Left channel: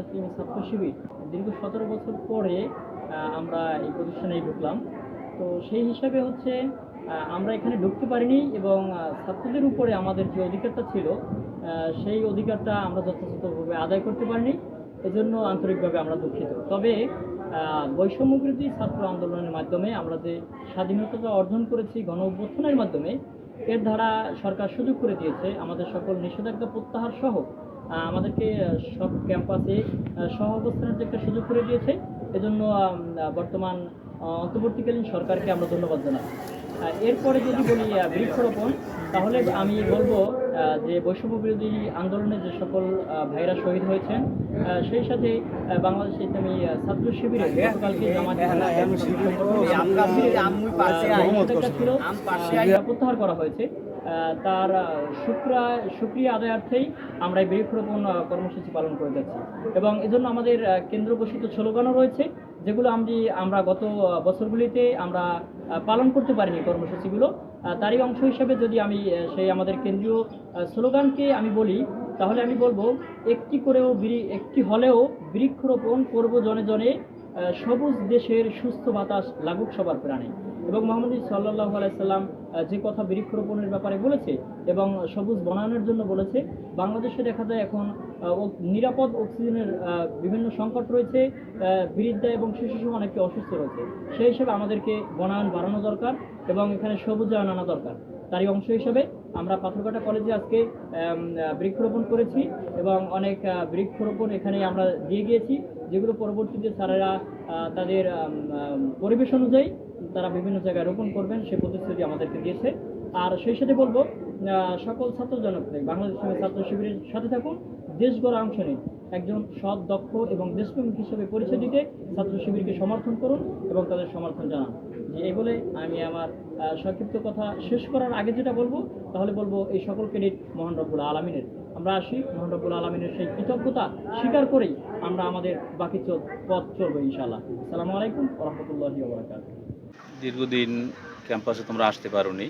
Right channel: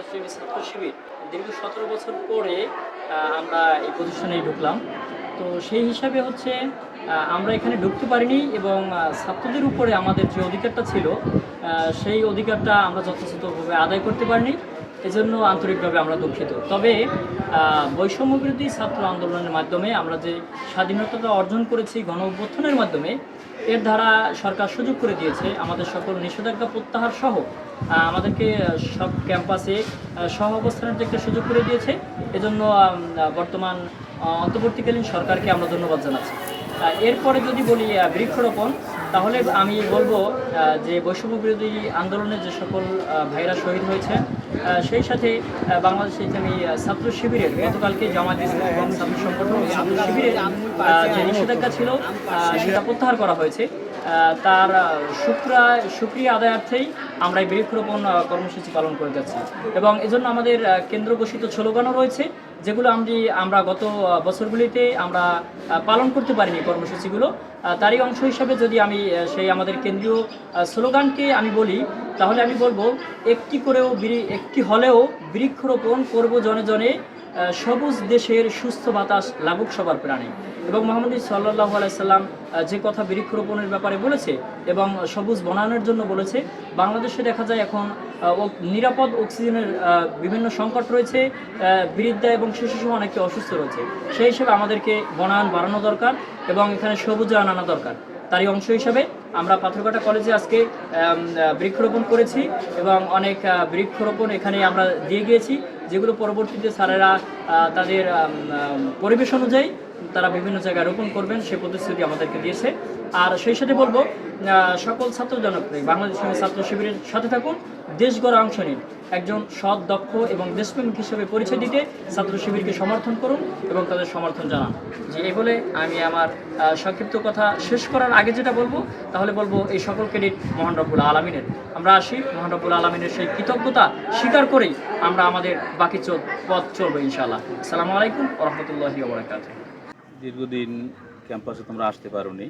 বাংলাদেশ ছাত্র শিবির দীর্ঘ সতেরো বছর পরে আমরা এই প্রতিষ্ঠানে ঢুকলাম। তো সেই হিসাবে হচ্ছে আমরা এখানে ঢুকতে পারিনি এবং ছাত্রদের উপরে আমাদের যে অধিকারটা ছিল সেই অধিকারটা আমরা যথাযথভাবে আদায় করতে পারিনি। এজন্য আন্তরিকভাবে আমরা দুঃখিত। তবে বৈষম্য বিরোধী ছাত্র আন্দোলনের মাধ্যমে আমরা যে স্বাধীনতাটা অর্জন করেছি গণ অভ্যুত্থানের মাধ্যমে, এর দ্বারা সরকার সুযোগ করে দিয়েছে। আমাদের সকল নিষেধাজ্ঞা প্রত্যাহার সহ আমাদেরকে সব ক্যাম্পাসে সহ অবস্থানের যে একটা সুযোগ করে দিয়েছে। এজন্য বর্তমান অন্তর্বর্তীকালীন সরকারকে আমরা ধন্যবাদ জানাচ্ছি। এরপরে যদি বলি বৃক্ষরোপণ, তাহলে আমি বলব যে বৈষম্য বিরোধী আন্দোলনে যে সকল ভাইরা শহীদ হয়েছেন সেই সাথে বাংলাদেশ ইসলামী ছাত্র শিবিরের গতকালকে জামাত ইসলাম ছাত্র সংগঠন নিষেধাজ্ঞা ছিল সেটা প্রত্যাহার করা হয়েছে। তার শুক্রা সুক্রিয়া আদায়ার্থেই আমরা এই বৃক্ষরোপণ কর্মসূচি পালন করে যাচ্ছি। এবং এজন্য আমাদের কেন্দ্র ঘোষিত স্লোগানও রয়েছে যেগুলো আমি আমরা গত বছরগুলিতে আমরা পালন করতে পারিনি কর্মসূচিগুলো। তারই অংশ হিসাবে যদি আমি সেই আমাদের কেন্দ্রীয় স্লোগানকে আমি বলি তাহলে আমি বলব একটি করেও একটি হলেও বৃক্ষরোপণ করব জনে জনে সবুজ দেশের সুস্থ বাতাস লাগুক সবার প্রাণে। এবং মোহাম্মদ সাল্লাহ আলাইসাল্লাম যে কথা বৃক্ষরোপণের ব্যাপারে বলেছে এবং সবুজ বনায়নের জন্য বলেছে, বাংলাদেশে দেখা যায় এখন নিরাপদ অক্সিজেনের বিভিন্ন সংকট রয়েছে বৃদ্ধা এবং শিশু সহ অনেকে অসুস্থ রয়েছে। সেই হিসেবে আমাদেরকে বনায়ন বাড়ানো দরকার এবং এখানে সবুজায়ন আনা দরকার। তারই অংশ হিসাবে আমরা পাথরঘাটা কলেজে আজকে বৃক্ষরোপণ করেছি এবং অনেক বৃক্ষরোপণ এখানে আমরা দিয়ে গিয়েছি, যেগুলো পরবর্তীতে স্যারেরা তাদের পরিবেশ অনুযায়ী তারা বিভিন্ন জায়গায় রোপণ করবেন, সে প্রতিশ্রুতি আমাদেরকে দিয়েছে। আর সেই সাথে বলব সকল ছাত্র জনপ্রিয় বাংলাদেশ ছাত্র শিবিরের সাথে থাকুন দেশ গড়া অংশ নিন। একজন সৎ, দক্ষ এবং দেশপ্রেমিক হিসেবে পরিচয় দিতে ছাত্র শিবিরকে সমর্থন করুন এবং তাদের সমর্থন জানান। যে এই বলে আমি আমার সংক্ষিপ্ত কথা শেষ করার আগে যেটা বলব, তাহলে বলব এই সকল ক্রেডিট মহান রব্বুল আলমিনের। আমরা আসি, মহান রব্বুল আলমিনের সেই কৃতজ্ঞতা স্বীকার করেই আমরা আমাদের বাকি পথ চলবো ইনশাআল্লাহ। আসসালামু আলাইকুম রহমতুল্লাহি ওবরাকাত দীর্ঘদিন ক্যাম্পাসে তোমরা আসতে পারোনি,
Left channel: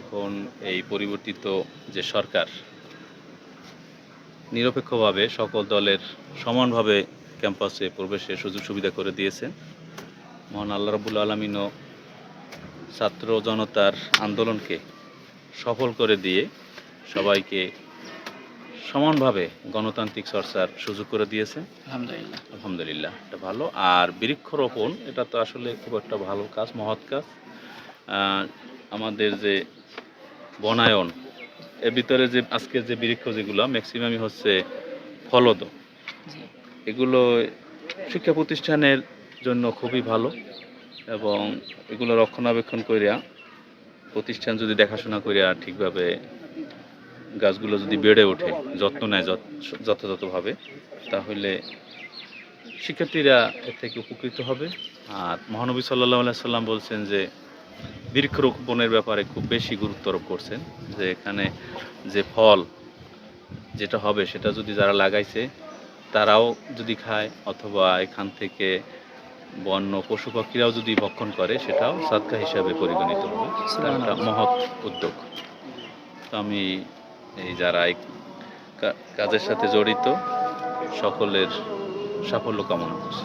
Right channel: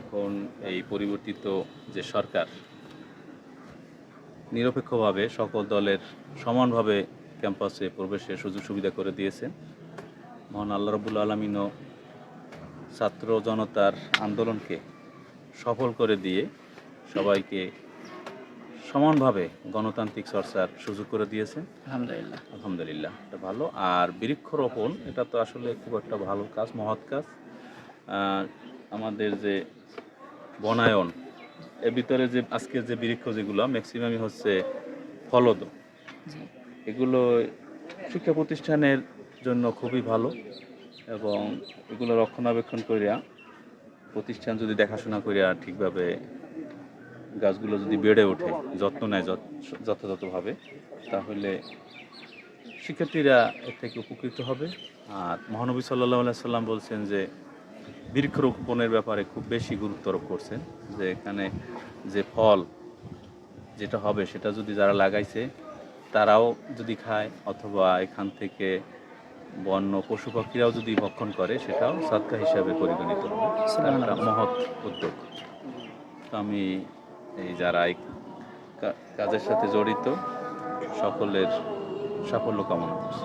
এখন এই পরিবর্তিত যে সরকার নিরপেক্ষভাবে সকল দলের সমানভাবে ক্যাম্পাসে প্রবেশের সুযোগ সুবিধা করে দিয়েছেন। মহান আল্লাহ রবুল আলমিনও ছাত্র জনতার আন্দোলনকে সফল করে দিয়ে সবাইকে সমানভাবে গণতান্ত্রিক চর্চার সুযোগ করে দিয়েছেন। আলহামদুলিল্লাহ। আলহামদুলিল্লাহ এটা ভালো। আর বৃক্ষরোপণ এটা তো আসলে খুব একটা ভালো কাজ মহৎ কাজ। আমাদের যে বনায়ন এর ভিতরে যে আজকে যে বৃক্ষ যেগুলো ম্যাক্সিমামই হচ্ছে ফলদ এগুলো শিক্ষা প্রতিষ্ঠানের জন্য খুবই ভালো এবং এগুলো রক্ষণাবেক্ষণ করিয়া প্রতিষ্ঠান যদি দেখাশোনা করিয়া ঠিকভাবে গাছগুলো যদি বেড়ে ওঠে যত্ন নেয় যত- যথাযথভাবে তাহলে শিক্ষার্থীরা এর থেকে উপকৃত হবে। আর মহানবী সাল্লাহ সাল্লাম বলছেন যে বৃক্ষরোপণের ব্যাপারে খুব বেশি গুরুত্ব আরোপ করছেন যে এখানে যে ফল যেটা হবে সেটা যদি যারা লাগাইছে তারাও যদি খায় অথবা এখান থেকে বন্য পশু পাখিরাও যদি ভক্ষণ করে সেটাও সাদকা হিসাবে পরিগণিত হবে। এটা একটা মহৎ উদ্যোগ। তো আমি এই যারা এই কাজের সাথে জড়িত সকলের সাফল্য কামনা করছি।